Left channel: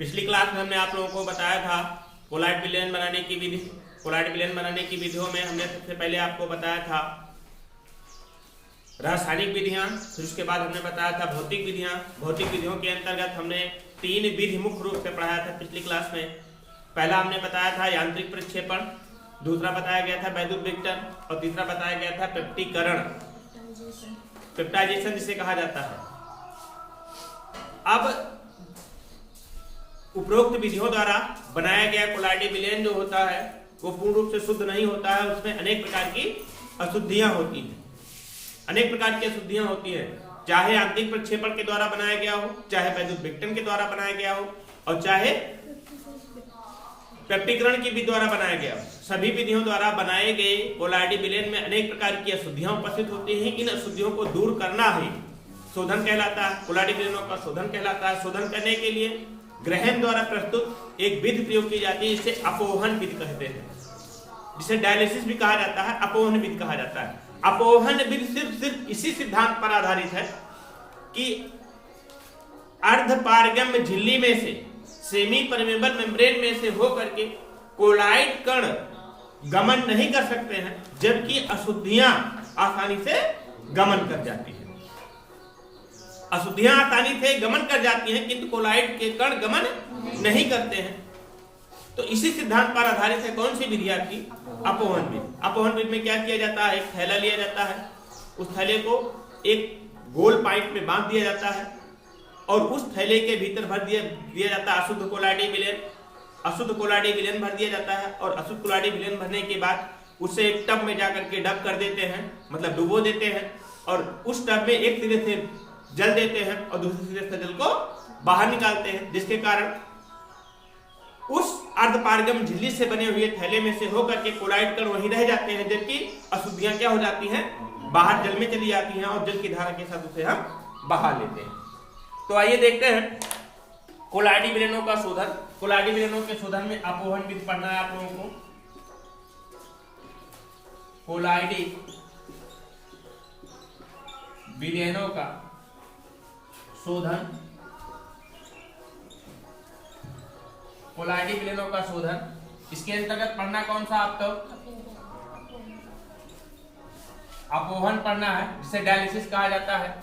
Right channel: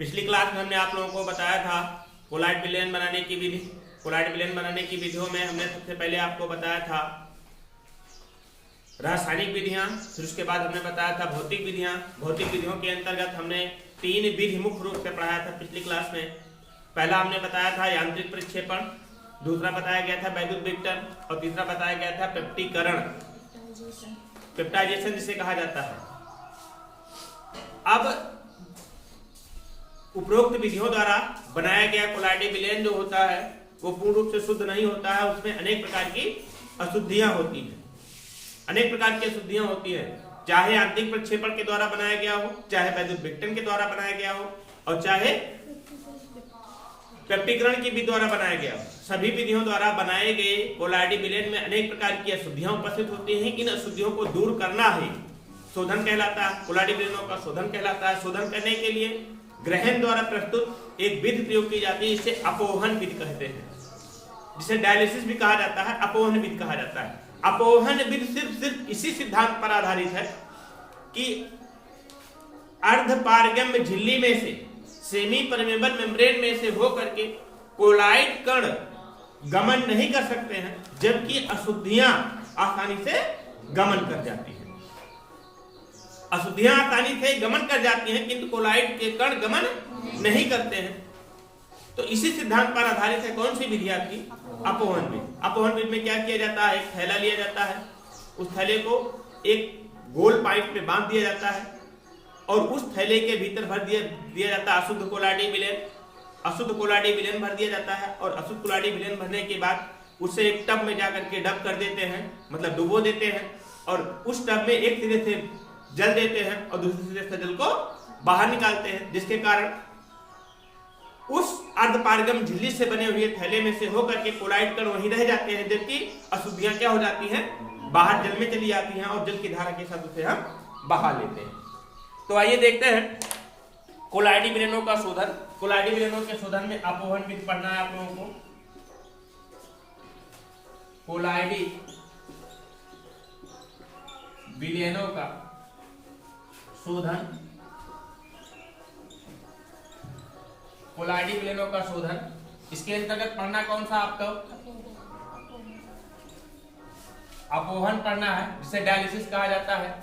पिछली क्लास में हमने आप लोगों को बताया था कोलाइड विलयन बनाने की विधि। कोलाइड विलयन बनाने की विधियों में हमने सबसे पहले आपको बताया था रासायनिक विधियां, फिर उसके बाद हमने बताया था भौतिक विधियां। भौतिक विधियों के अंतर्गत हमने 3 विधि मुख्य रूप से पढ़ाया था पिछली क्लास में। पहला हमने बताया था यांत्रिक प्रक्षेपण, दूसरा बताया गया था वैद्युत विघटन और तीसरा बताया गया था पेप्टीकरण, पेप्टाइजेशन जिसे कहा जाता है। अब उपरोक्त विधियों द्वारा बनाया गया कोलाइड विलयन जो होता है वो पूर्ण रूप से शुद्ध नहीं होता है, उसमें अनेक प्रकार की अशुद्धियां होती हैं। अनेक प्रकार की अशुद्धियां होती है, चाहे आंतरिक प्रक्षेपण के द्वारा बनाया गया हो, चाहे वैद्युत विघटन के द्वारा बनाया गया हो और चाहे पेप्टीकरण की विधि द्वारा बनाया गया हो। सभी विधियों द्वारा बनाए गए कोलाइड विलयन में अनेक प्रकार की अशुद्धियां उपस्थित होती हैं। इन अशुद्धियों को दूर करना ही शोधन कहलाता है, कोलाइड विलयनों का शोधन कहलाता है। शोधन करने के लिए ग्रहण द्वारा प्रस्तुत एक विधि प्रयोग की जाती है, इसे अपोहन विधि कहते हैं, जिसे डायलिसिस भी कहा जाता है, अपोहन विधि कहा जाता है। अपोहन विधि सिर्फ इसी सिद्धांत पर आधारित है कि अर्धपारगम्य झिल्ली में से, सेमी परमेबल मेम्ब्रेन में से होकर के कोलाइड कण गमन नहीं कर सकते हैं, जबकि अशुद्धियां आसानी से गमन कर जाती हैं। अशुद्धियां आसानी से गमन कर जाती हैं किंतु कोलाइड के कण गमन नहीं करते हैं। तो इसी सिद्धांत पर आधारित है कौन सी विधि आपकी? अपोहन विधि। अपोहन विधि में क्या किया जाता है, एक थैला लिया जाता है, उस थैले को एक गोल पाइप में बांध दिया जाता है और उस थैले के भीतर भर दिया जाता है अशुद्ध कोलाइड विलयन। अशुद्ध कोलाइड विलयन भर दिया जाता है और अशुद्ध कोलाइड विलयन भरने के बाद उसे एक टब में जाकर के डब कर देते हैं, मतलब डुबो देते हैं और उस टब में एक सिरे से जल देते हैं और दूसरे सिरे से जल को बाहर निकालते हैं, जिसके कारण उस अर्धपारगम झिल्ली से बने हुए थैले में से होकर के कोलाइड कण वहीं रह जाते हैं, जबकि अशुद्धियां क्या हो जाती हैं, बाहर जल में चली जाती हैं और जल की धारा के साथ उसे हम बहा लेते हैं। तो आइए देखते हैं कोलाइड विलयनों का शोधन। कोलाइड विलयनों के शोधन में अपोहन विधि पढ़ना है आप लोगों को। कोलाइड विलयनों का शोधन, कोलाइड विलयनों का शोधन, इसके अंतर्गत पढ़ना कौन सा आपको? अपोहन पढ़ना है, जिसे डायलिसिस कहा जाता है।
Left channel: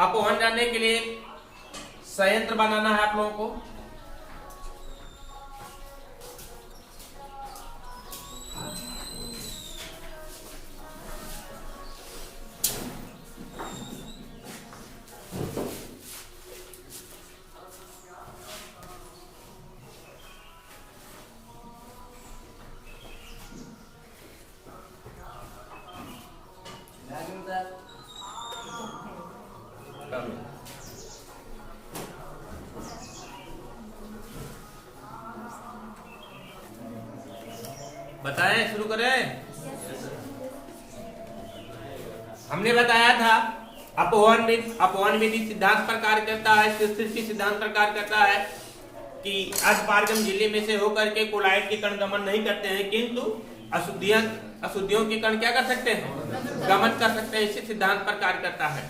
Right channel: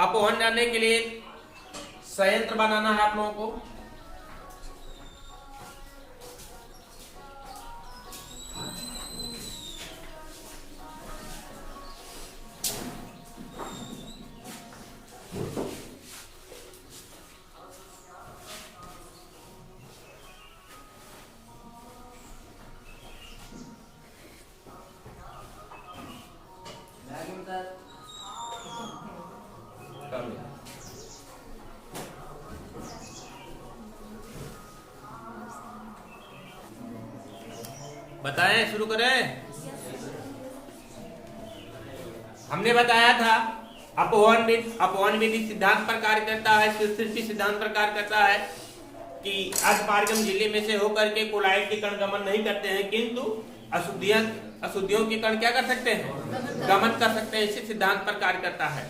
अपोहन जानने के लिए संयंत्र बनाना है आप लोगों को। बताएं, शुरू करें। हमने बताया था अपोहन विधि सिद्धांत पर कार्य करता है, सृष्टि सिद्धांत पर कार्य करता है कि अर्धपारगम झिल्ली में से होकर के कोलाइड के कण गमन नहीं करते हैं, किंतु अशुद्धियों के कण क्या कर सकते हैं, गमन कर सकते हैं। इसी सिद्धांत पर कार्य करता है।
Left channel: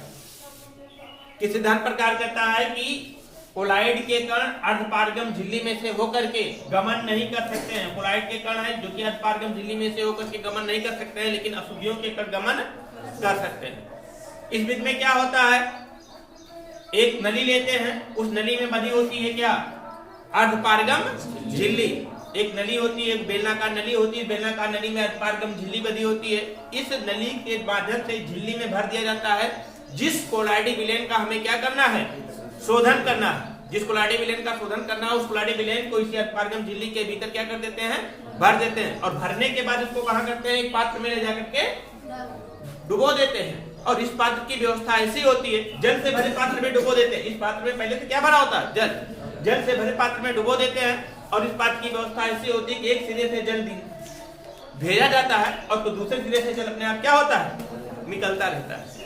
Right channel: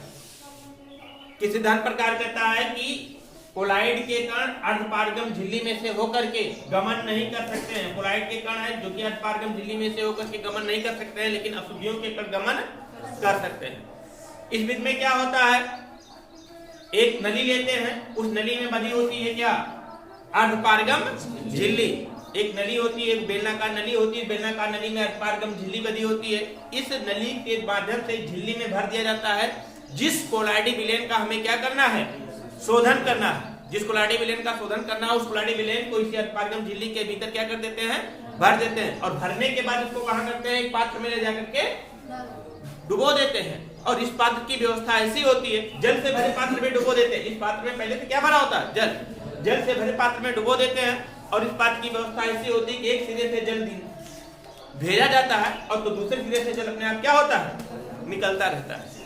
किस सिद्धांत पर कार्य करता है कि कोलाइड के कण अर्धपारगम झिल्ली में से होकर के गमन नहीं कर सकते हैं। कोलाइड के कण है जो कि अर्धपारगम झिल्ली में से होकर के गमन नहीं कर सकते हैं, लेकिन अशुद्धियों के कण गमन कर सकते हैं। इस विधि में क्या होता है, एक नली लेते हैं, उस नली में बंधी होती है क्या, अर्धपारगम झिल्ली। एक नली होती है, बेलनाकार नली होती है, बेलनाकार नली में अर्धपारगम झिल्ली बंधी होती है। इस नली के माध्यम से झिल्ली में भर दिया जाता है। जिस कोलाइड विलयन का हमें क्या करना है, शोधन करना है, जिस कोलाइड विलयन का शोधन करना है, उस कोलाइड विलयन को इसी अर्धपारगम झिल्ली के भीतर क्या कर देते हैं, भर देते हैं और भरने के बाद उसको कहां करते हैं, एक पात्र में ले जाकर के डुबो देते हैं। और इस पात्र की व्यवस्था ऐसी होती है, जल से भरे पात्र में डुबो देते हैं। इस पात्र में पहले से क्या भरा होता है, जल से भरे पात्र में डुबो देते हैं और इस पात्र की व्यवस्था ऐसी होती है कि एक सिरे से जल भेजा जाता है और तो दूसरे सिरे से जल अपने आप क्या होता है, निकलता रहता है।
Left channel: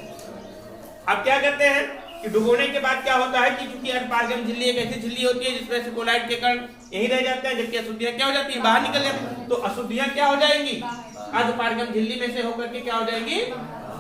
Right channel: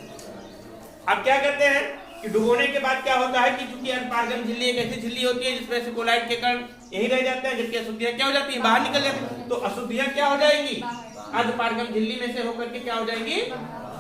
अब क्या करते हैं कि डुबोने के बाद क्या होता है कि चूंकि अर्धपारगम झिल्ली एक ऐसी झिल्ली होती है जिसमें से कोलाइड के कण यही रह जाते हैं, जबकि अशुद्धियां क्या हो जाती हैं, बाहर निकल जाती हैं। तो अशुद्धियां क्या हो जाएंगी, अर्धपारगम झिल्ली में से होकर के क्या हो जाएंगी,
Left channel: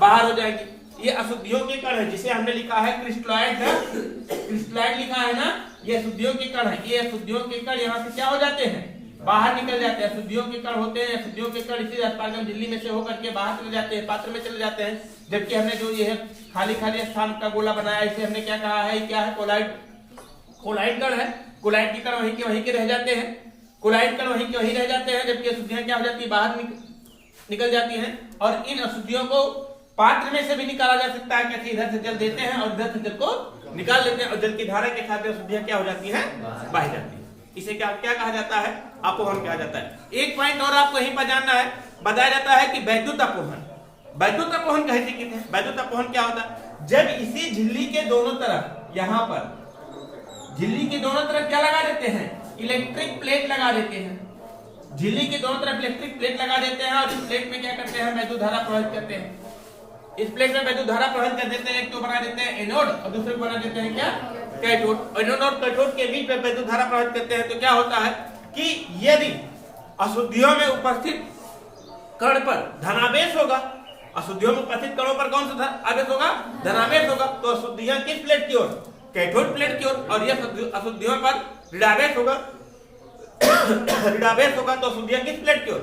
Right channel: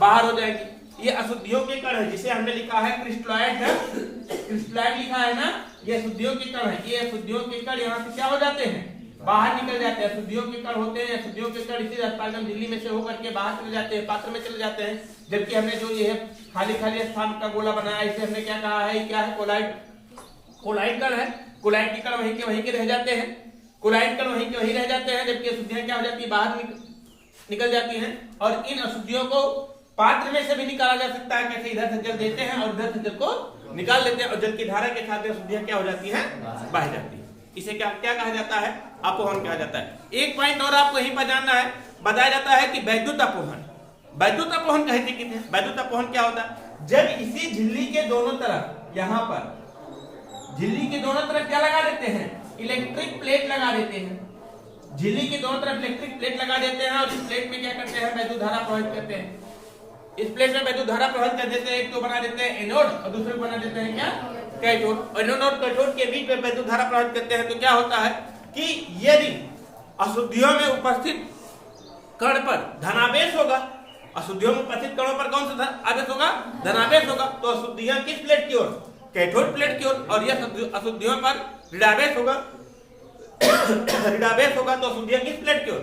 बाहर हो जाएगी। ये अशुद्धियों के कण है, जिसे हमने लिखा है क्रिस्टलॉइड लिखा है ना, ये अशुद्धियों के कण है, ये अशुद्धियों के कण यहाँ से क्या हो जाते हैं, बाहर निकल जाते हैं। अशुद्धियों के कण होते हैं, अशुद्धियों के कण इसी रसपारगम झिल्ली में से होकर के बाहर चले जाते हैं, पात्र में चले जाते हैं। जबकि हमने जो ये खाली खाली स्थान का गोला बनाया, इसे हमने क्या कहा है, क्या है, कोलाइड, कोलाइड कण है। कोलाइड के कण वहीं के रह जाते हैं, कोलाइड कण वहीं के वहीं रह जाते हैं। जबकि अशुद्धियां क्या हो जाती है, बाहर निकल जाती हैं। और इन अशुद्धियों को पात्र में से भी निकाला जा सकता है। कैसे, इधर से जल देते हैं और इधर से जल को निकाल लेते हैं, और जल की धारा के साथ अशुद्धियां क्या हो जाती है, बाहर जाती है। इसे क्या क्या कहा जाता है, अपोहन कहा जाता है। एक पॉइंट और आपको यहीं पर जानना है, बताया जाता है कि वैद्युत अपोहन। वैद्युत अपोहन कहते हैं, वैद्युत अपोहन क्या होता है, जब इसी झिल्ली के दोनों तरफ, यहाँ पर झिल्ली के दोनों तरफ क्या लगा देते हैं, इलेक्ट्रिक प्लेट लगा देते हैं। झिल्ली के दोनों तरफ इलेक्ट्रिक प्लेट लगा देते हैं और इस प्लेट में क्या करते हैं, वैद्युत धारा प्रवाहित करते हैं। इस प्लेट में वैद्युत धारा प्रवाहित कर देते हैं। एक तो बना देते हैं एनोड और दूसरे को बना देते हैं क्या, कैथोड। एनोड और कैथोड के बीच में वैद्युत धारा प्रवाहित करते हैं। तो क्या होता है कि यदि अशुद्धियों में उपस्थित कण पर धनावेश होगा, अशुद्धियों में उपस्थित कणों पर कौन सा आवेश होगा, धनावेश होगा, तो अशुद्धियां किस प्लेट की ओर, कैथोड प्लेट की ओर। और यह अशुद्धियों पर ऋणावेश होगा, ऋणावेश होगा तो अशुद्धियां किस प्लेट की ओर,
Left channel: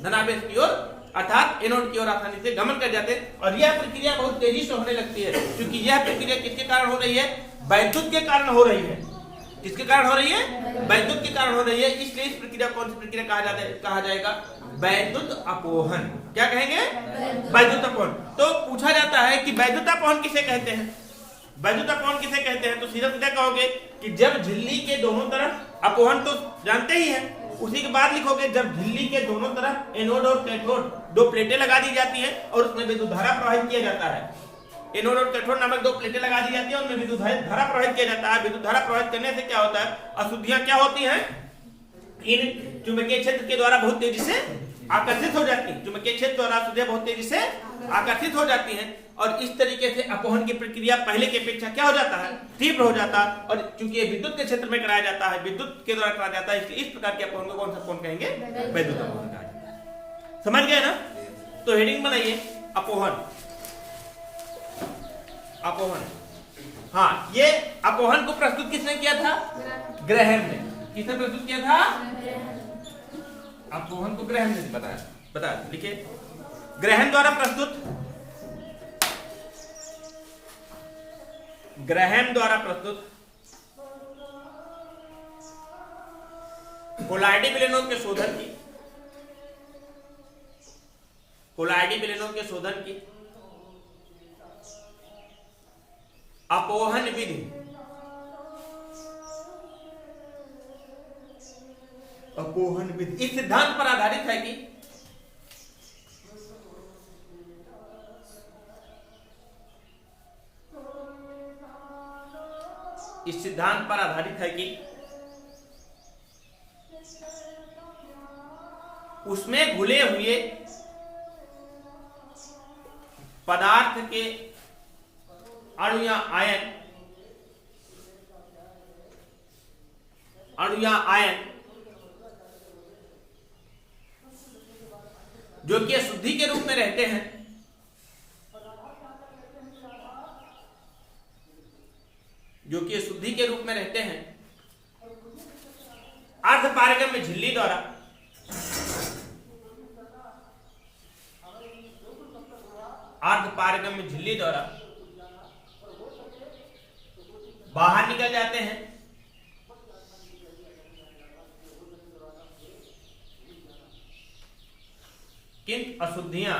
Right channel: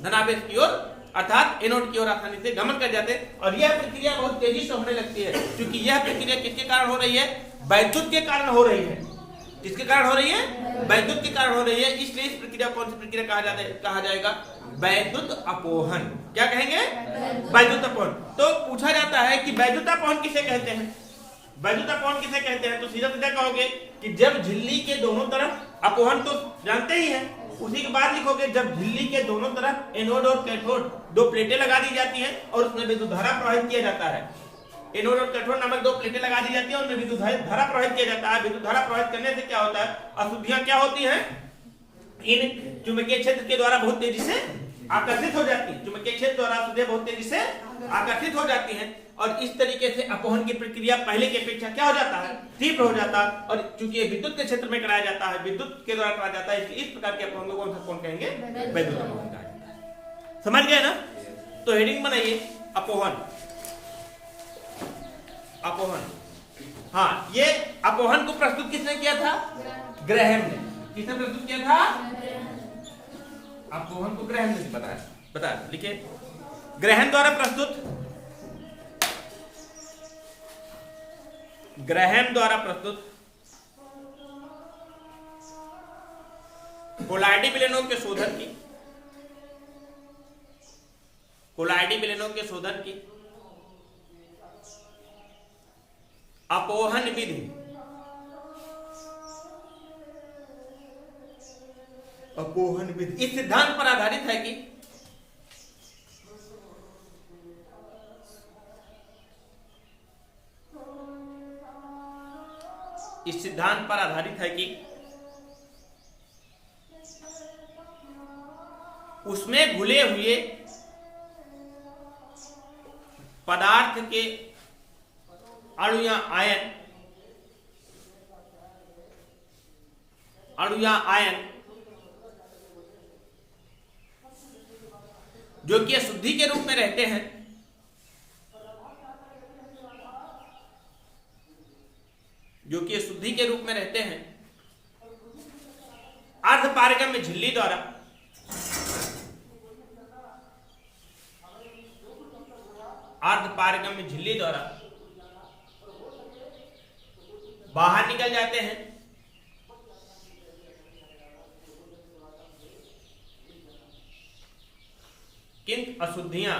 धनावेश की ओर, अर्थात एनोड की ओर आसानी से गमन कर जाते हैं। और यह प्रक्रिया बहुत तेजी से होने लगती है, क्योंकि यह प्रक्रिया किसके कारण हो रही है, वैद्युत के कारण हो रही है। किसके कारण हो रही है, वैद्युत के कारण हो रही है। इसलिए इस प्रक्रिया कौन सी प्रक्रिया कहा जाएगा, वैद्युत अपोहन। क्या कहेंगे, वैद्युत अपोहन। तो पूछा जाता है कि वैद्युत अपोहन किसे कहते हैं, वैद्युत अपोहन किसे कहते हैं। तो सीधा सीधा कहोगे कि जब झिल्ली के दोनों तरफ, अपोहन तो जानते ही हैं, उसी के बाद लिखोगे जब झिल्ली के दोनों तरफ एनोड और कैथोड दो प्लेटें लगा दी जाती हैं और उसमें विद्युत धारा प्रवाहित किया जाता है। एनोड और कैथोड नामक दो प्लेटें लगा दी जाती है, उनमें विद्युत धारा प्रवाहित किया जाता है। विद्युत धारा प्रवाहित करने से क्या होता है, अशुद्धियां क्या होती हैं, इन चुंबकीय क्षेत्र के द्वारा बहुत तेजी से आकर्षित हो जाती है। चुंबकीय क्षेत्र द्वारा अशुद्धियां बहुत तेजी से आकर्षित हो जाती हैं। और इस तरीके से अपोहन की प्रक्रिया पहले की अपेक्षा क्या हो जाता है, तीव्र हो जाता है। और चूंकि विद्युत के क्षेत्र में कराया जाता है, विद्युत के द्वारा कराया जाता है, इसलिए इस प्रकार के अपोहन को कौन सा अपोहन कहेंगे, वैद्युत अपोहन कहा जाता है। समझ गए ना। तो हेडिंग बनाइए, अपोहन। अपोहन, हाँ, ये अपोहन को प्रस्तुत किसने किया था, ग्रैहम ने। किसने प्रस्तुत किया था, अपोहन को ग्रैहम ने बताया। लिखिए, ग्रैहम द्वारा प्रस्तुत, ग्रैहम द्वारा प्रस्तुत कोलाइडी विलयनों के शोधन की, कोलाइडी विलयनों के शोधन की अपोहन विधि, अपोहन विधि इस सिद्धांत पर आधारित है कि इस सिद्धांत पर आधारित है कि उसमें घुले हुए पदार्थ के अणु या आयन, जो कि अशुद्धि के रूप में रहते हैं, जो कि अशुद्धि के रूप में रहते हैं, अर्धपारगम्य झिल्ली द्वारा बाहर निकल जाते हैं। किंतु अशुद्धियां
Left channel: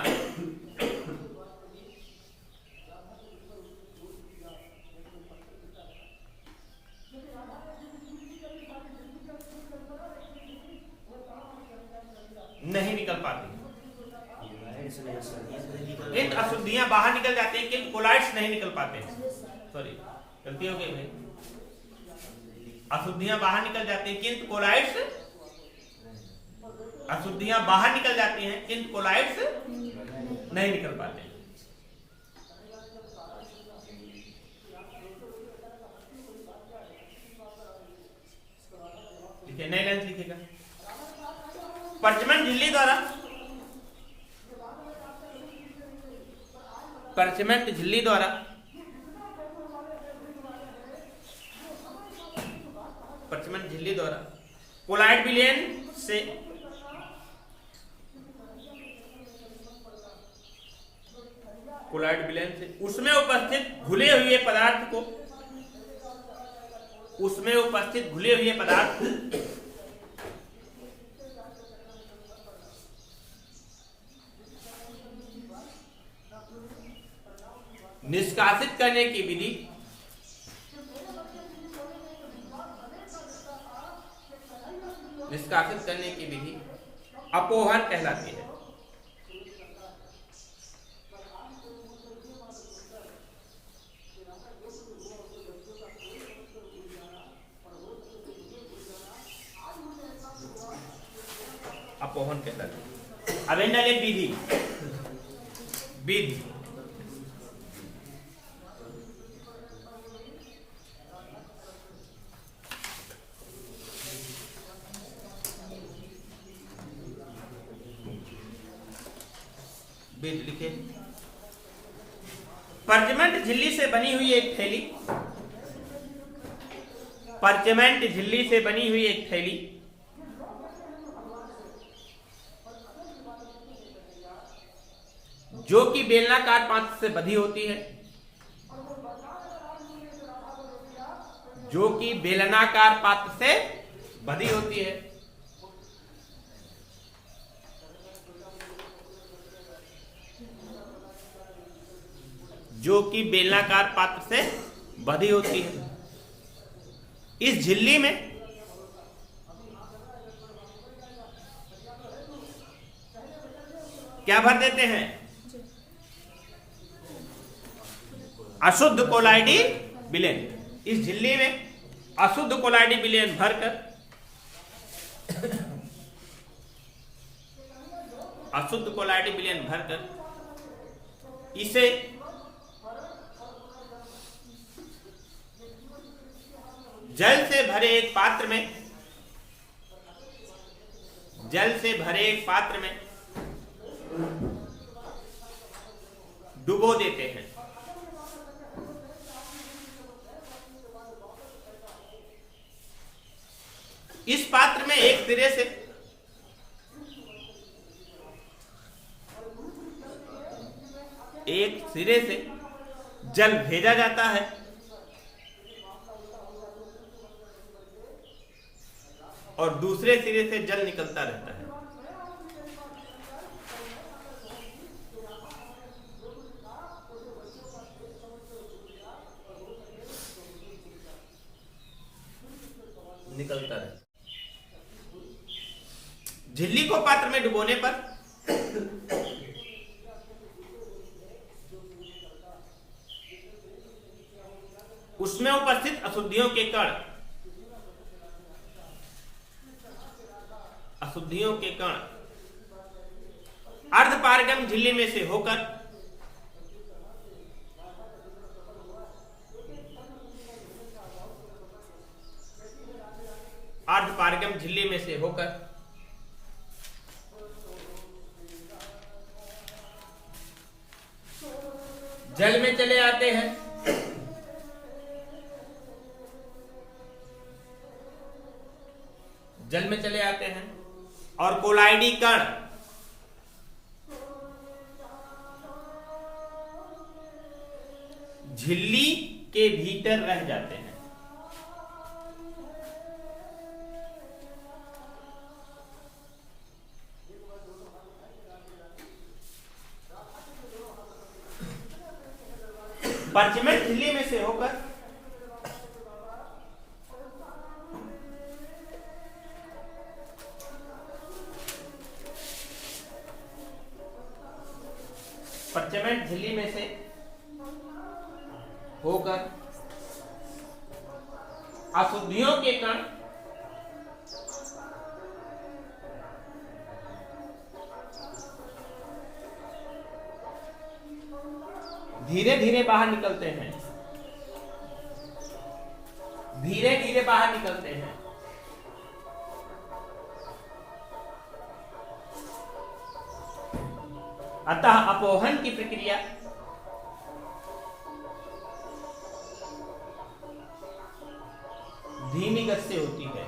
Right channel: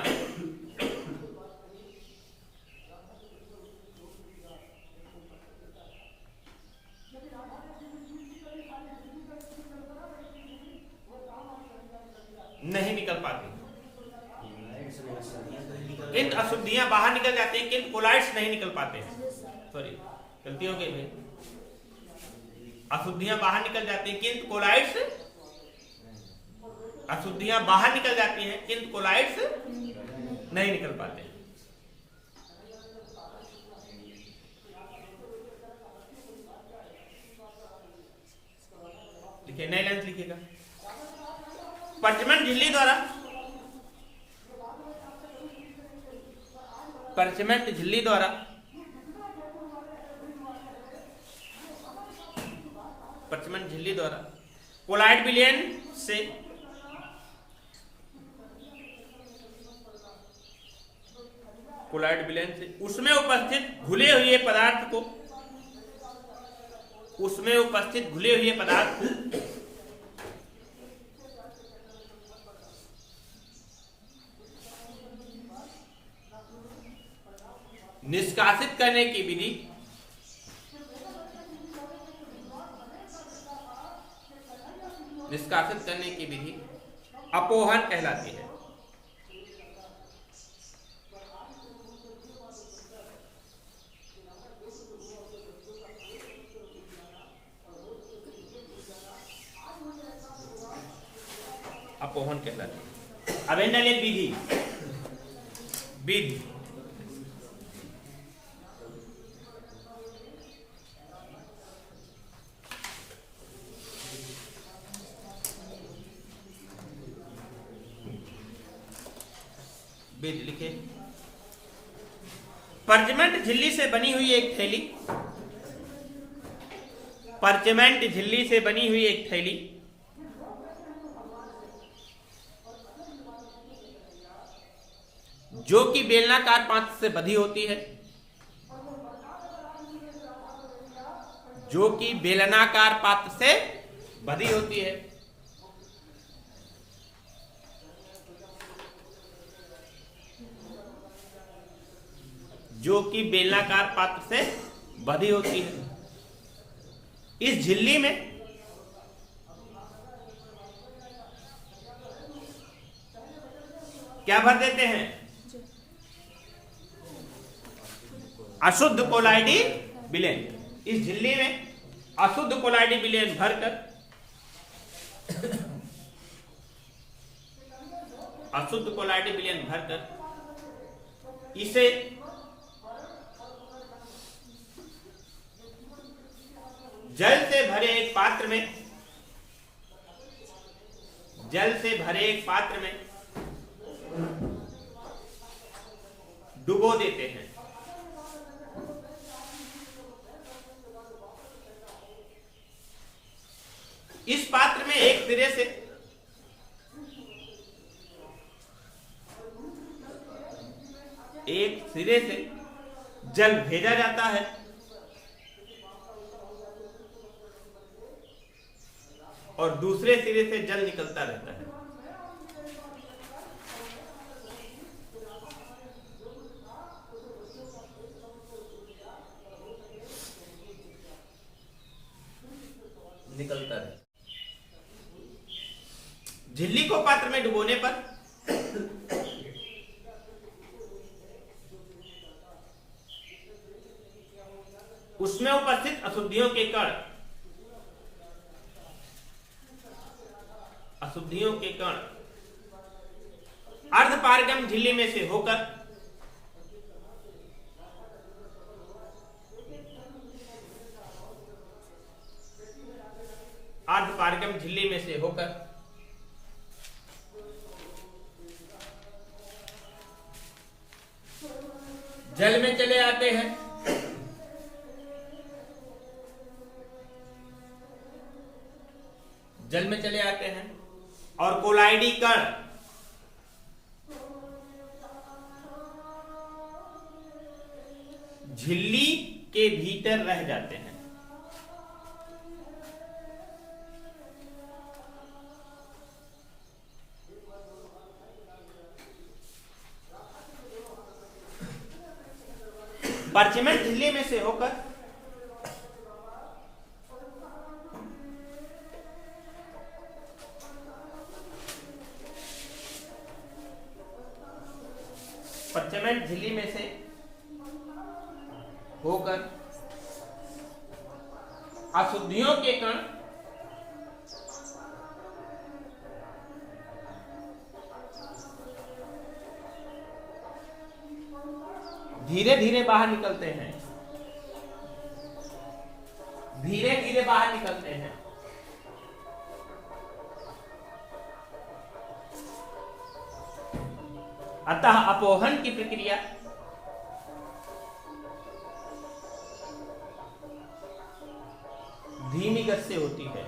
नहीं निकल पाते। इन अशुद्धियां बाहर निकल जाती हैं, किंतु कोलाइड्स नहीं निकल पाते हैं। सॉरी, गलती हो गई भाई। अशुद्धियां बाहर निकल जाती हैं, किंतु कोलाइड्स, अशुद्धियां बाहर निकल जाती हैं, किंतु कोलाइड्स नहीं निकल पाते। लिखिए, नए लाइन लिखिएगा। परचमेंट झिल्ली द्वारा, परचमेंट झिल्ली द्वारा पर्चमेंट झिल्ली द्वारा कोलाइड विलयन से उसमें उपस्थित घुले हुए पदार्थ को निष्कासित करने की विधि अपोहन कहलाती है। अपोहन कहलाती है। अब एक विधि लिखे। पर्चमेंट झिल्ली से बनी हुई एक थैली जो कि बेलनाकार पात्र से बंधी होती है, जो कि बेलनाकार पात्र से बंधी होती है। जो कि बेलनाकार पात्र से बंधी होती है। इस झिल्ली में क्या भर देते हैं? अशुद्ध कोलाइडी विलयन। इस झिल्ली में अशुद्ध कोलाइडी विलयन भरकर इसे जल से भरे एक पात्र में डुबो देते हैं। इस पात्र में एक सिरे से जल भेजा जाता है और दूसरे सिरे से जल निकलता रहता है। झिल्ली को पात्र में डुबोने पर उसमें उपस्थित अशुद्धियों के कण अर्धपारगम झिल्ली में से होकर जल में चले आते हैं। और कोलाइडी कण झिल्ली के भीतर रह जाते हैं। पर्चमेंट झिल्ली में से होकर अशुद्धियों के कण धीरे धीरे बाहर निकलते हैं। अतः अपोहन की प्रक्रिया धीमी गति से होती है।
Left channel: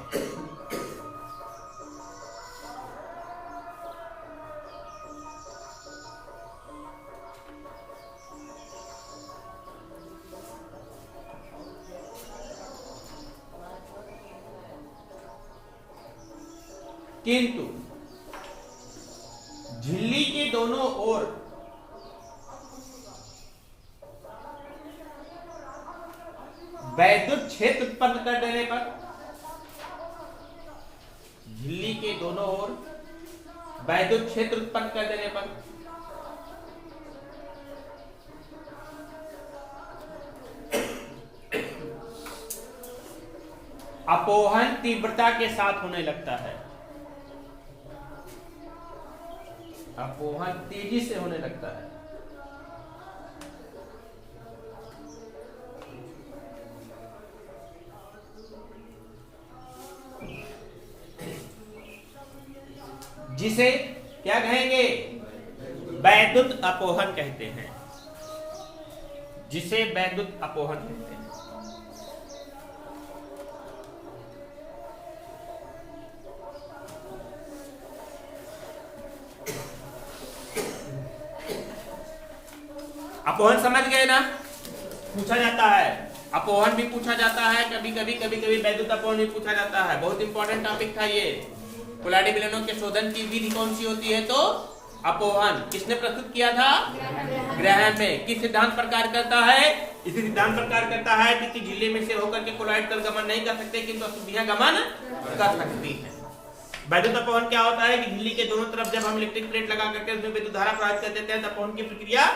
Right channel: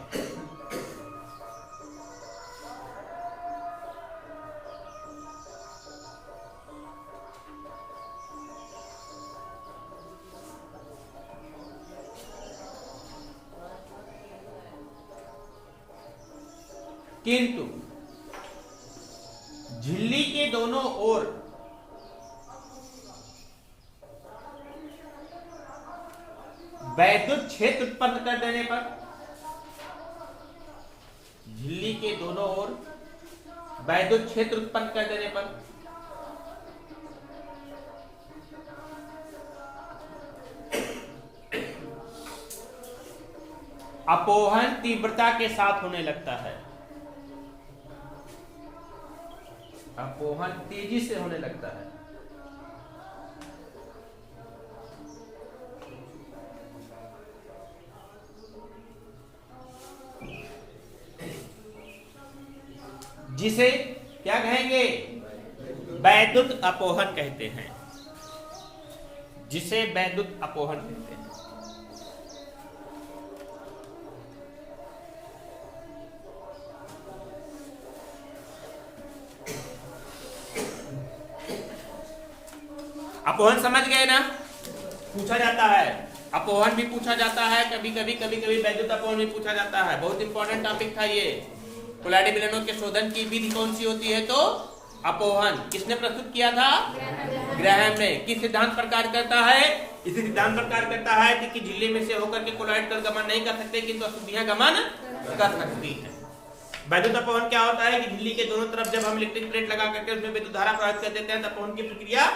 किंतु झिल्ली के दोनों ओर वैद्युत क्षेत्र उत्पन्न कर देने पर, झिल्ली के दोनों ओर वैद्युत क्षेत्र उत्पन्न कर देने पर अपोहन तीव्रता के साथ होने लगता है। अपोहन तेजी से होने लगता है। जिसे क्या कहेंगे? वैद्युत अपोहन कहते हैं। जिसे वैद्युत अपोहन कहते हैं। अपोहन समझ गए ना? पूछा जाता है, अपोहन भी पूछा जाता है, कभी कभी वैद्युत अपोहन भी पूछा जाता है। बहुत इंपॉर्टेंट टॉपिक था ये। कोलाइडी विलयनों के शोधन की विधि कौन सी होती है? तो अपोहन। किसने प्रस्तुत किया था? ग्रैहम ने। किस सिद्धांत पर कार्य करता है? इसी सिद्धांत पर कार्य करता है कि झिल्ली में से होकर के कोलाइड कण गमन नहीं कर सकते, किंतु अशुद्धियां गमन कर सकती है। वैद्युत अपोहन क्या होता है कि झिल्ली के दोनों तरफ जब हम इलेक्ट्रिक प्लेट लगा करके उसमें विद्युत धारा प्रवाहित कर देते हैं तो अपोहन की प्रक्रिया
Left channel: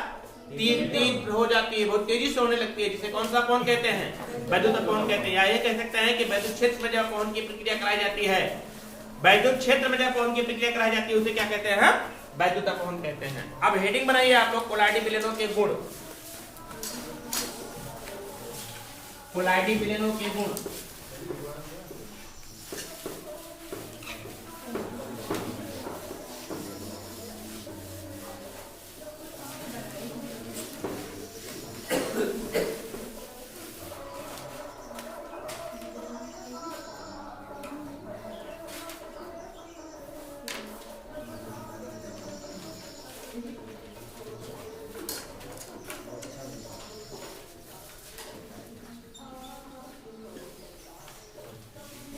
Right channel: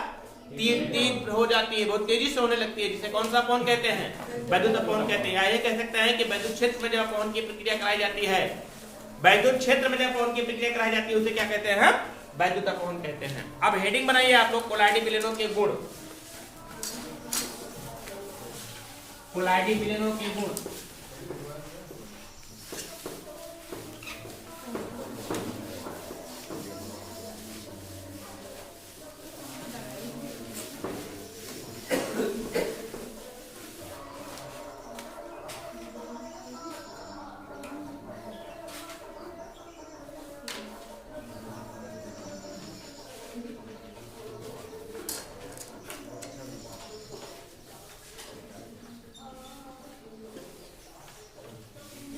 तीव्र हो जाती है, बहुत तेजी से होने लगती है। जिसे कौन सा अपोहन कहते हैं? वैद्युत अपोहन कहते हैं। या ये कह सकते हैं कि वैद्युत क्षेत्र में जब अपोहन की प्रक्रिया कराई जाती है, वैद्युत क्षेत्र में जब अपोहन की प्रक्रिया कराई जाती है उसे क्या कहते हैं? वैद्युत अपोहन कहते हैं। अब हेडिंग बनाइए आप लोग, कोलाइडी विलयनों के गुण। कोलाइडी विलयनों के गुण।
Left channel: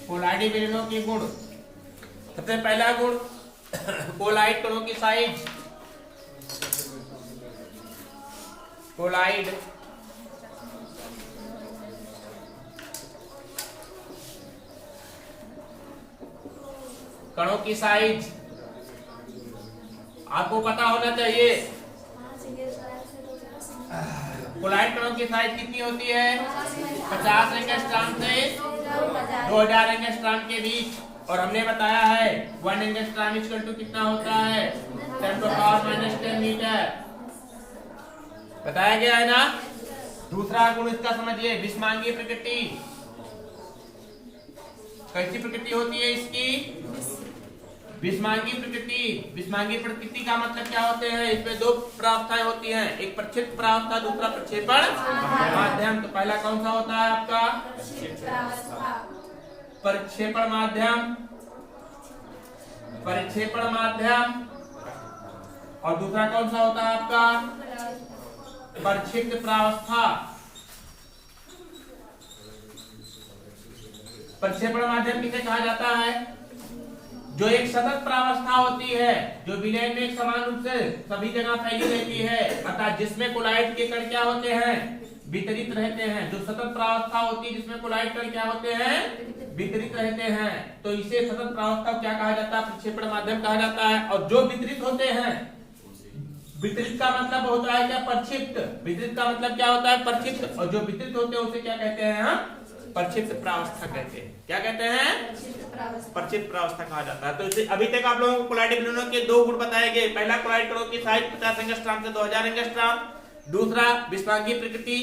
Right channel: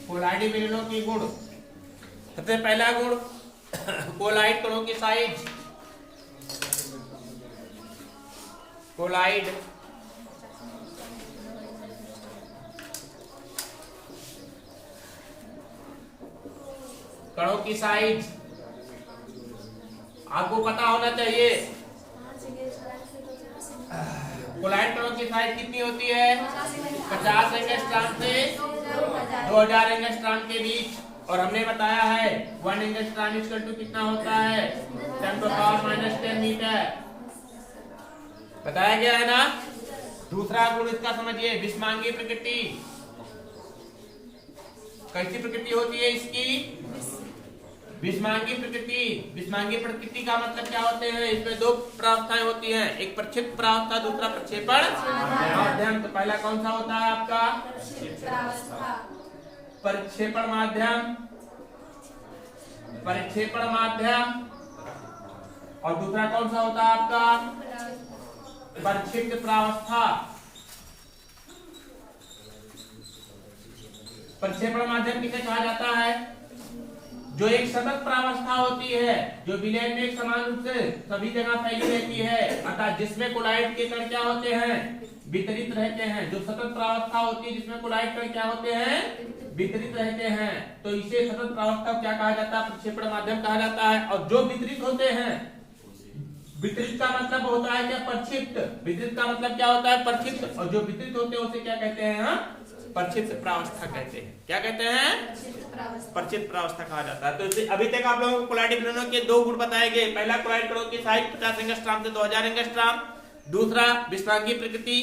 कोलाइडी विलयनों के गुण। सबसे पहला गुण, कोलाइड कणों की साइज। कोलाइड कणों की साइज आपको पता होना चाहिए। कोलाइड कणों की साइज कितनी होती है? 50 एंगस्ट्रॉम से 2000 एंगस्ट्रॉम के बीच। और हमने बताया है 1 एंगस्ट्रॉम इक्वल टू कितना होता है? 10⁻⁻10 मीटर। बताया गया है ना? दूसरा गुण इसका समझिए, विषमांगीय प्रकृति। कैसी प्रकृति होती है इसकी? विषमांगीय प्रकृति। विषमांगीय प्रकृति का मतलब क्या होते हैं? इसमें दो प्रावस्थाएं होती हैं, एक प्रक्षेप्य प्रावस्था, दूसरा प्रक्षेपण माध्यम। तो पहला कौन सा होता है आपका? प्रक्षेपण माध्यम। प्रक्षेपण माध्यम। और दूसरा कौन सा होता है आपका? प्रक्षिप्त प्रावस्था। प्रक्षेपण माध्यम किसे कहा जाता है? जो एक सतत प्रावस्था होती है, जो विलयन में एक समान रूप से सभी जगह फैली रहती है, अर्थात जिसमें कोलाइड के कण क्या होते हैं? वितरित रहते हैं। जो सतत प्रावस्था होती है जिसमें कोलाइड कण क्या होते हैं? वितरित रहते हैं। तो इसे सतत प्रावस्था क्या कहा जाता है? प्रक्षेपण माध्यम कहा जाता है। और जो वितरित होते हैं, वितरित का मतलब होता है क्या? प्रक्षिप्त। वितरित का मतलब क्या होता है? प्रक्षिप्त। और जो वितरित होते हैं उसे क्या कहते हैं? प्रक्षिप्त प्रावस्था कहते हैं। क्या कहते हैं? प्रक्षिप्त प्रावस्था कहा जाता है। तो इसे अभी तक आप लोगों को कोलाइडी विलयनों के दो गुण बताए गए। पहला, कोलाइड कणों की साइज 50 एंगस्ट्रॉम से 2000 एंगस्ट्रॉम। दूसरा, विषमांगीय प्रकृति।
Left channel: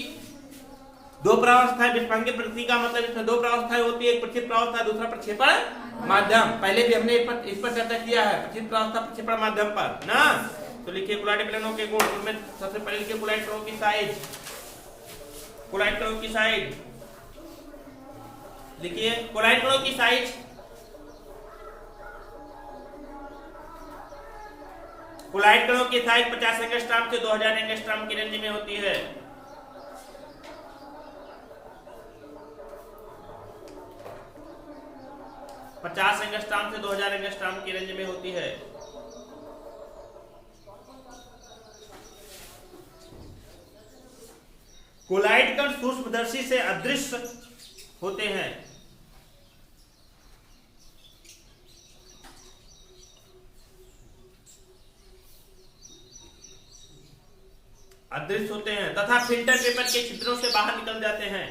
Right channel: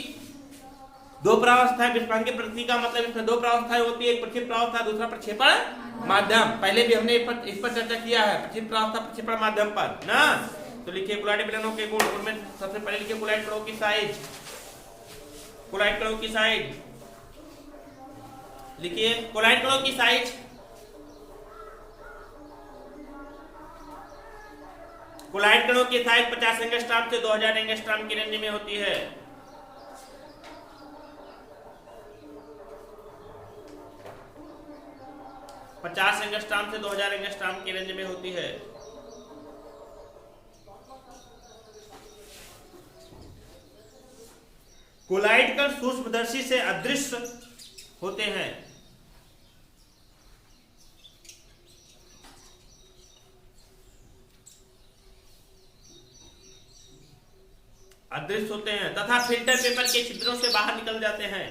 दो प्रावस्थाएं। विषमांगीय प्रकृति का मतलब इसमें दो प्रावस्थाएं होती है, एक प्रक्षिप्त प्रावस्था, दूसरा प्रक्षेपण माध्यम। पहले भी हमने इस पर चर्चा किया है, प्रक्षिप्त प्रावस्था प्रक्षेपण माध्यम पर ना। तो लिखिए कोलाइडी विलयनों के गुण। उनमें सबसे पहले लिखिए कोलाइड कणों की साइज। कोलाइड कणों की साइज लिखिए कोलाइड कणों की साइज, कोलाइड कणों की साइज 50 एंगस्ट्रॉम से 2000 एंगस्ट्रॉम की रेंज में होती है। पचास एंगस्ट्रॉम से 2000 एंगस्ट्रॉम की रेंज में होती है। कोलाइड कण सूक्ष्मदर्शी से अदृश्य होते हैं। अदृश्य होते हैं तथा फिल्टर पेपर के छिद्रों से बाहर निकल जाते हैं।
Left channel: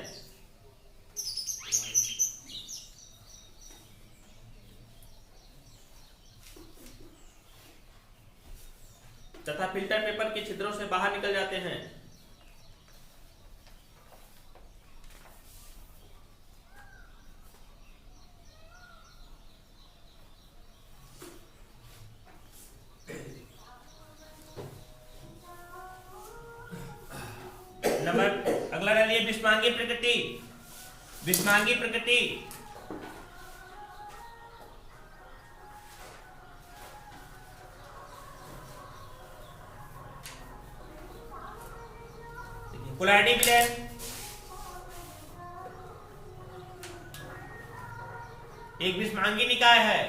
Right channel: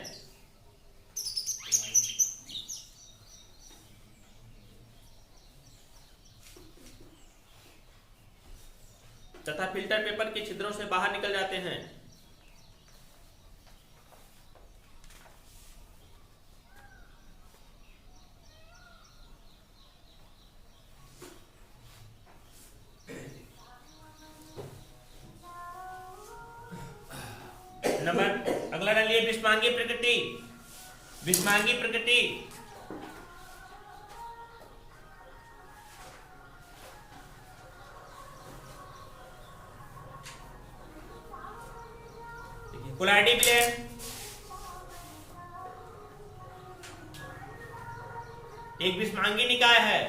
तथा फिल्टर पेपर के छिद्रों से बाहर निकल जाते हैं। नंबर अगला डालिए विषमांगी प्रकृति। विषमांगी प्रकृति कोलाइडी विलयन, एक विषमांगी निकाय है।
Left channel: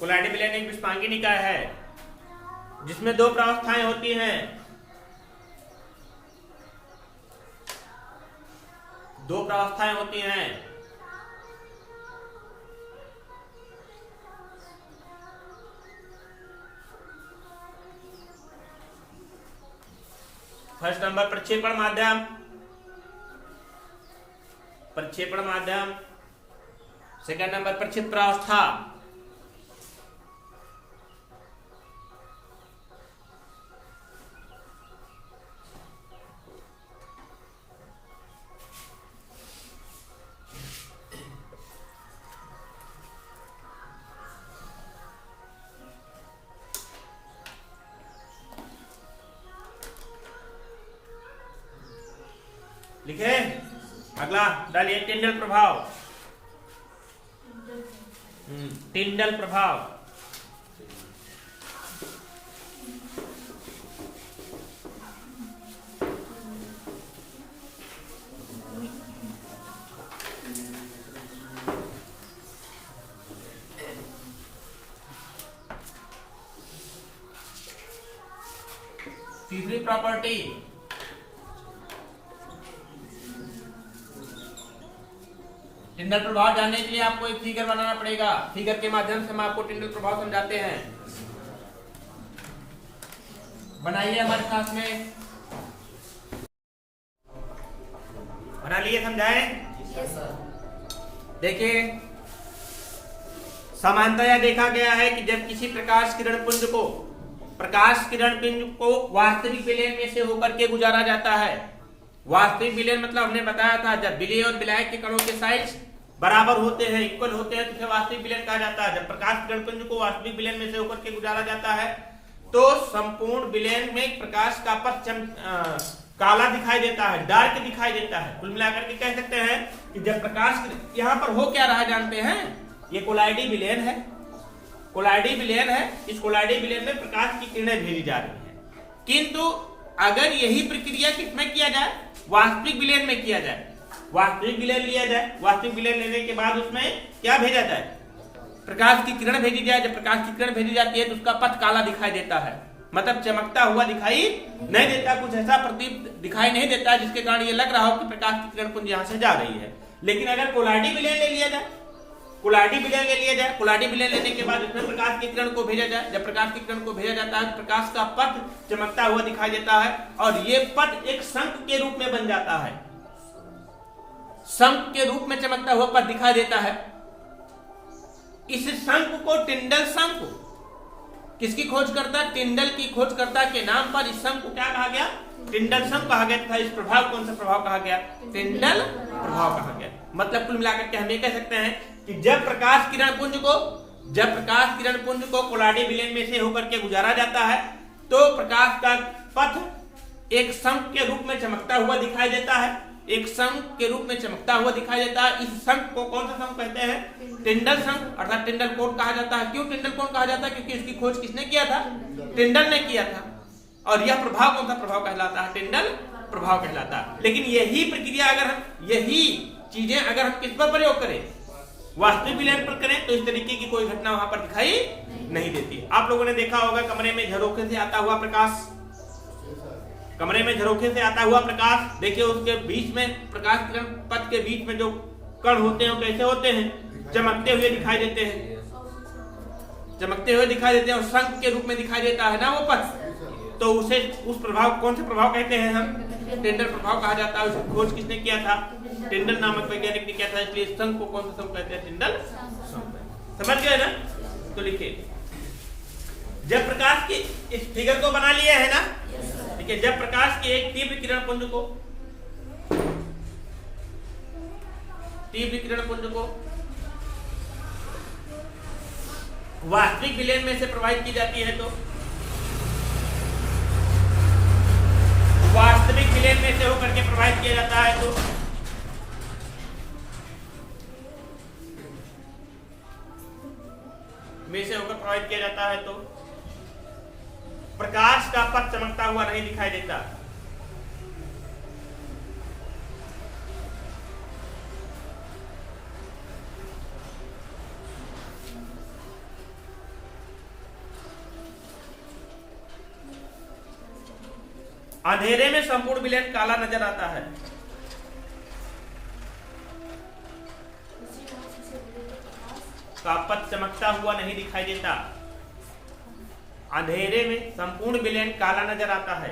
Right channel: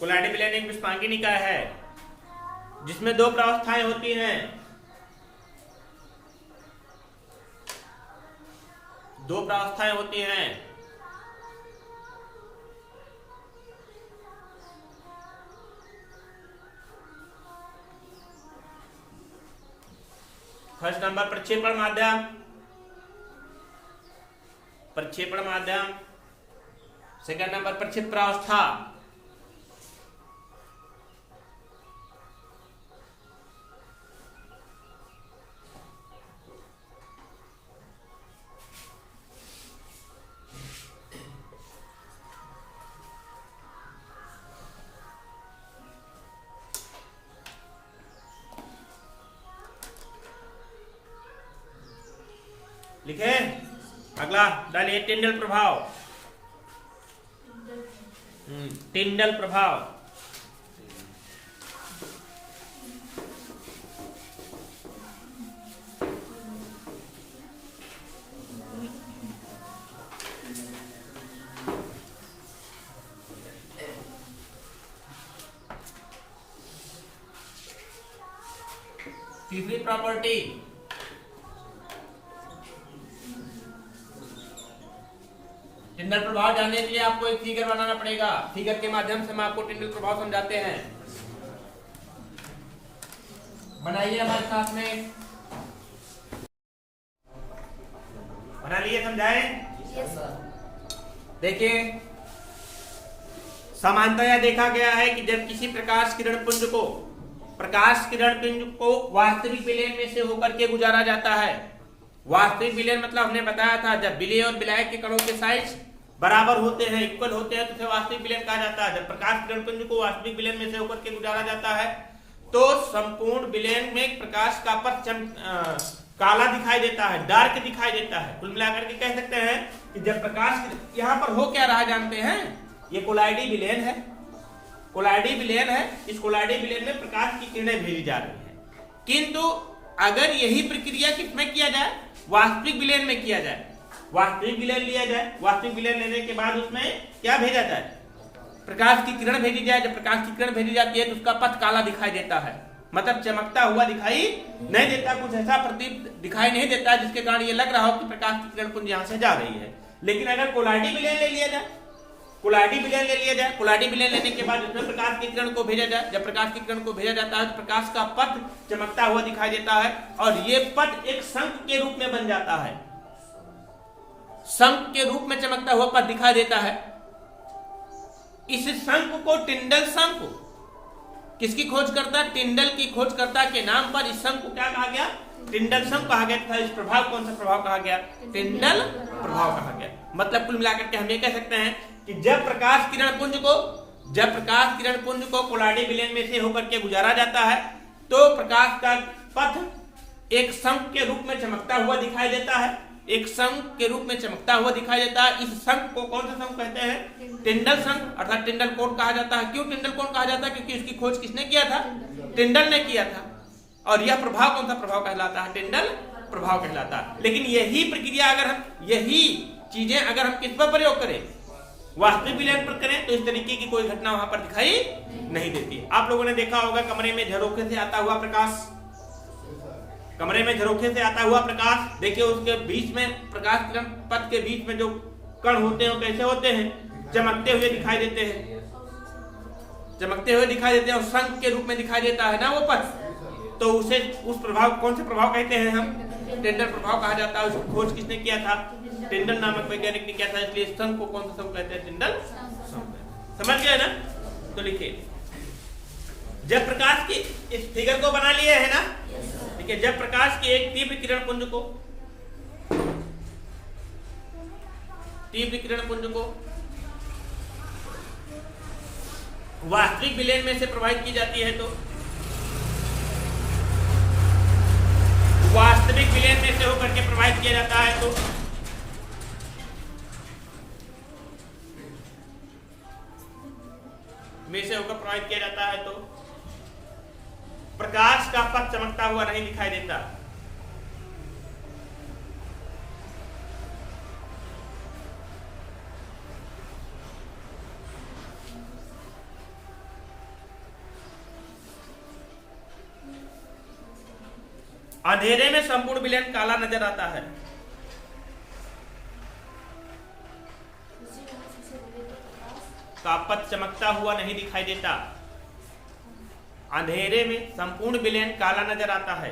कोलाइडी विलयन एक विषमांगी निकाय है जिसमें दो प्रावस्थाएं होती हैं। दो प्रावस्थाएं होती हैं। फर्स्ट नंबर प्रक्षेपण माध्यम, प्रक्षेपण माध्यम। सेकंड नंबर प्रक्षेप प्रावस्था। लिखे अगला डालिए टिंडल प्रभाव। टिंडल प्रभाव तीसरी प्रॉपर्टी टिंडल प्रभाव जानने के लिए आपको एक फिगर बनाना पड़ेगा। फिगर के माध्यम से हम आपको टिंडल प्रभाव समझाते हैं। बनाइए हमारे साथ में, बना लिए, समझाएं? Yes sir. देखिए सामान्यतः देखा गया है कि जब किसी प्रकाश किरण पुंज को वास्तविक विलयन में से होकर के गुजारा जाता है। वास्तविक विलयन मतलब हमने बताया था जब विलय और विलायक के कणों के साइज बराबर होते हैं, इक्वल होते हैं, तो उसे वास्तविक विलयन कहा जाता है। जब प्रकाश किरण पुंज को वास्तविक विलयन में से होकर के गुजारा जाता है तो संपूर्ण विलयन में प्रकाश का पथ काला दिखाई देता है, डार्क दिखाई देता है। कुल मिलाकर के कह सकते हैं कि जब प्रकाश यहाँ पर हो क्या रहा जानते हैं, ये कोलाइडी विलयन है। कोलाइडी विलयन है। इस कोलाइडी विलयन में प्रकाश की किरणें भेजी जा रही है। किंतु अगर यही प्रक्रिया किसमें किया जाए, वास्तविक विलयन में किया जाए, वास्तविक विलयन लिया जाए, वास्तविक विलयन लेने के बाद उसमें क्या भेजा जाए, प्रकाश की किरण भेजी जाए। जब प्रकाश की किरण भेजी जाती है तो उसका पथ काला दिखाई देता है, मतलब चमकता हुआ दिखाई नहीं देता, कुछ ऐसा प्रदीप दिखाई नहीं देता जिसके कारण ये लग रहा हो कि प्रकाश की किरण पुंज यहां से जा रही है। लेकिन अगर कोलाइडी विलयन ले लिया जाए, कोलाइडी विलयन ले लिया जाए, कोलाइडी विलयन लेने के बाद इसमें प्रकाश की किरण को भेजा जाए, जब प्रकाश की किरण को भेजा जाता है तो प्रकाश का पथ चमकता हुआ दिखाई देता है और ये पथ एक शंख के रूप में बन जाता है, शंख के रूप में चमकता हुआ पथ दिखाई देता है। इस शंख को टिंडल शंख, किसकी खोज करता है, टिंडल की खोजकर्ता के नाम पर इस शंख को क्या कहा गया, टिंडल शंख कहा गया। इस प्रभाव कौन सा प्रभाव कहा गया, टिंडल प्रभाव कहा गया। मतलब कुल मिलाकर के हम ये कह सकते हैं कि जब प्रकाश किरण पुंज को कोलाइडी विलयन में से होकर के गुजारा जाता है तो प्रकाश का पथ एक शंख के रूप में चमकता हुआ दिखाई देता है, एक शंख के रूप में चमकता हुआ दिखाई देता है। इस शंख को कौन सा शंख कहते हैं? टिंडल शंख, अर्थात टिंडल कोण कहा जाता है। क्यों टिंडल कोण कहा जाता है? क्योंकि इसकी खोज किसने किया था? टिंडल ने किया था। और यह प्रभाव कौन सा प्रभाव कहलाता है? टिंडल प्रभाव कहलाता है। लेकिन यही प्रक्रिया अगर हम, यही चीजें अगर हम किस पर प्रयोग करें, वास्तविक विलयन पर करें, तो इस तरीके की कोई घटना वहां पर दिखाई नहीं देती। आप लोगों ने देखा होगा कमरे में झरोखे से आता हुआ प्रकाश, कमरे में झरोखे से आता हुआ प्रकाश, देखिए उसके बीच में प्रकाश किरण पथ के बीच में जो कण होते हैं वो कैसे होते हैं? चमकते हुए दिखाई देते हैं, चमकते हुए दिखाई देते हैं और शंख के रूप में दिखाई देता है ना वो पथ। तो उसे, उस प्रभाव, कौन से प्रभाव कहते हैं हम? टिंडल प्रभाव कहा जाता है। उसकी खोज किसने किया था? टिंडल नामक वैज्ञानिक ने किया था। इसलिए शंख को कौन सा शंख कहते हैं? टिंडल शंख। समझ गए ना? तो लिखिए, जब प्रकाश की, इस फिगर को बना लिया है ना? ठीक है। जब प्रकाश के एक तीव्र किरण पुंज को, तीव्र किरण पुंज को वास्तविक विलयन में से प्रवाहित की जाती है, तो वास्तविक विलयन में से होकर के प्रवाहित किया जाता है, तो में से होकर प्रवाहित किया जाता है, तो प्रकाश का पथ चमकता हुआ नहीं दिखाई देता। अंधेरे में संपूर्ण विलयन काला नजर आता है। का पथ चमकता हुआ नहीं दिखाई देता। अंधेरे में संपूर्ण विलयन काला नजर आता है।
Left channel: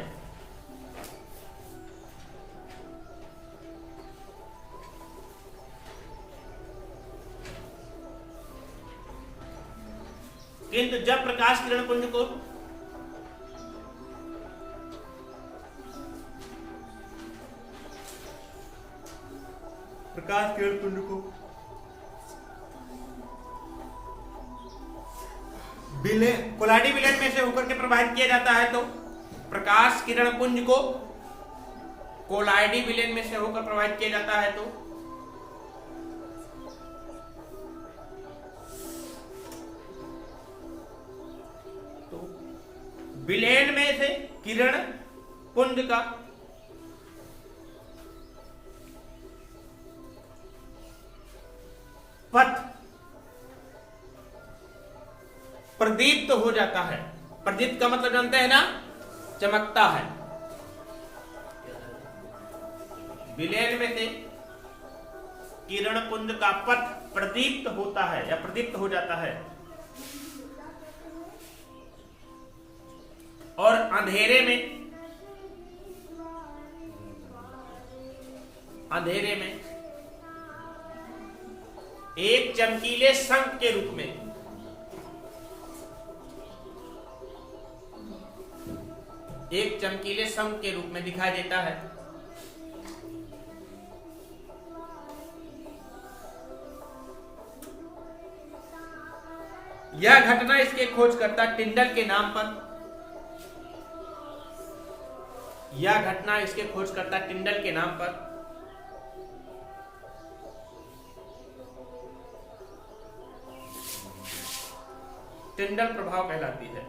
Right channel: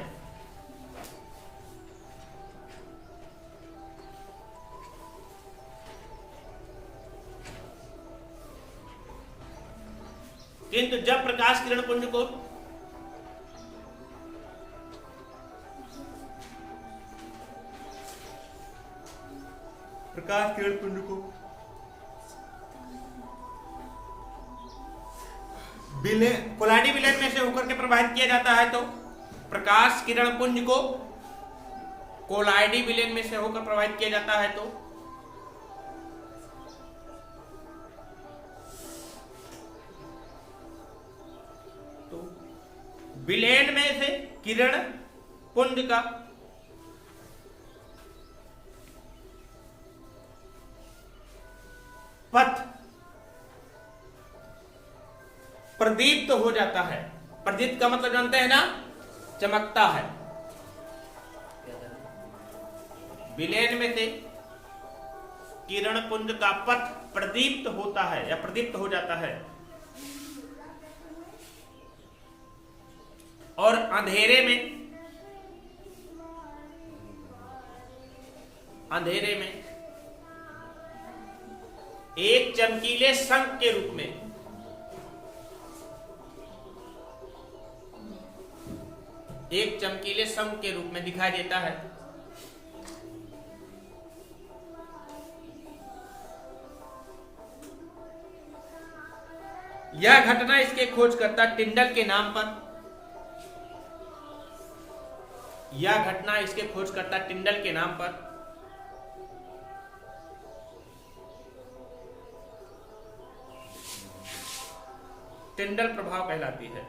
किंतु जब प्रकाश किरण पुंज को कोलाडी विलयन में से होकर के प्रवाहित किया जाता है, तो प्रकाश किरण पुंज को कोलाइडी विलयन में से होकर प्रवाहित किया जाता है, तो विलयन में से किरण पुंज का पथ प्रदीप्त हो जाता है। प्रदीप्त का मतलब जानते हैं ना? चमकता है। विलयन में से किरण पुंज का पथ प्रदीप्त होता है या प्रदीप्त हो जाता है, और अंधेरे में एक चमकीले शंख के रूप में, एक चमकीले शंख के रूप में दिखाई देता है। यह घटना इसके खोजकर्ता टिंडल के नाम पर, यह घटना इसके खोजकर्ता टिंडल के नाम पर टिंडल प्रभाव कहलाती है।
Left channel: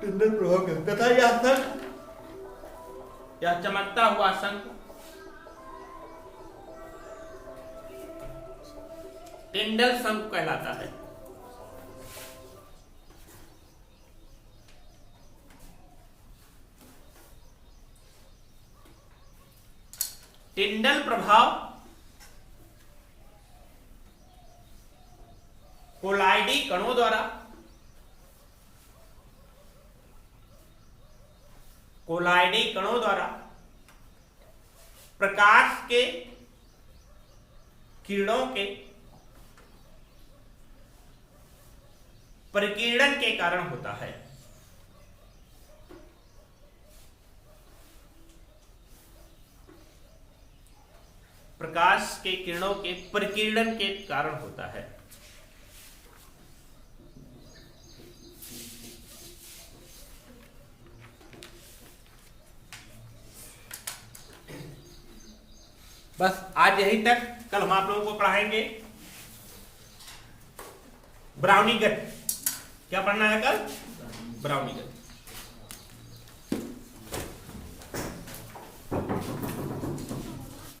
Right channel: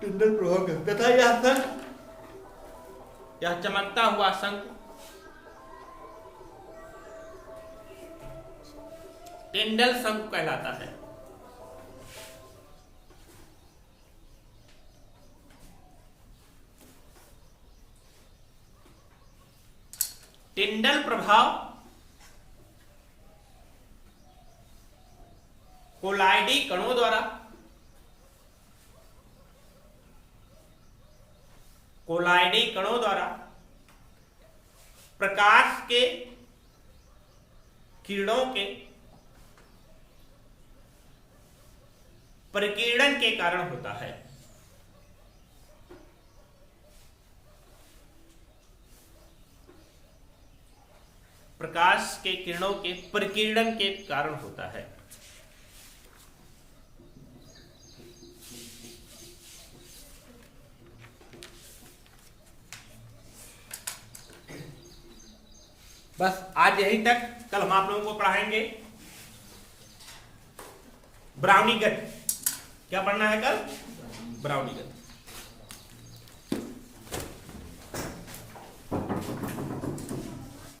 टिंडल प्रभाव कहता है यह शंख, यह चमकता हुआ शंख टिंडल शंख कहलाता है। टिंडल प्रभाव कोलाइडी कणों द्वारा, कोलाइडी कणों द्वारा प्रकाश के किरणों के परिकीर्णन के कारण होता है। प्रकाश के किरणों के प्रकीर्णन के कारण होता है। बस आज यही तक। कल हम आप लोगों को पढ़ाएंगे ब्राउनीगत। क्या पढ़ना है कल? ब्राउनीगत।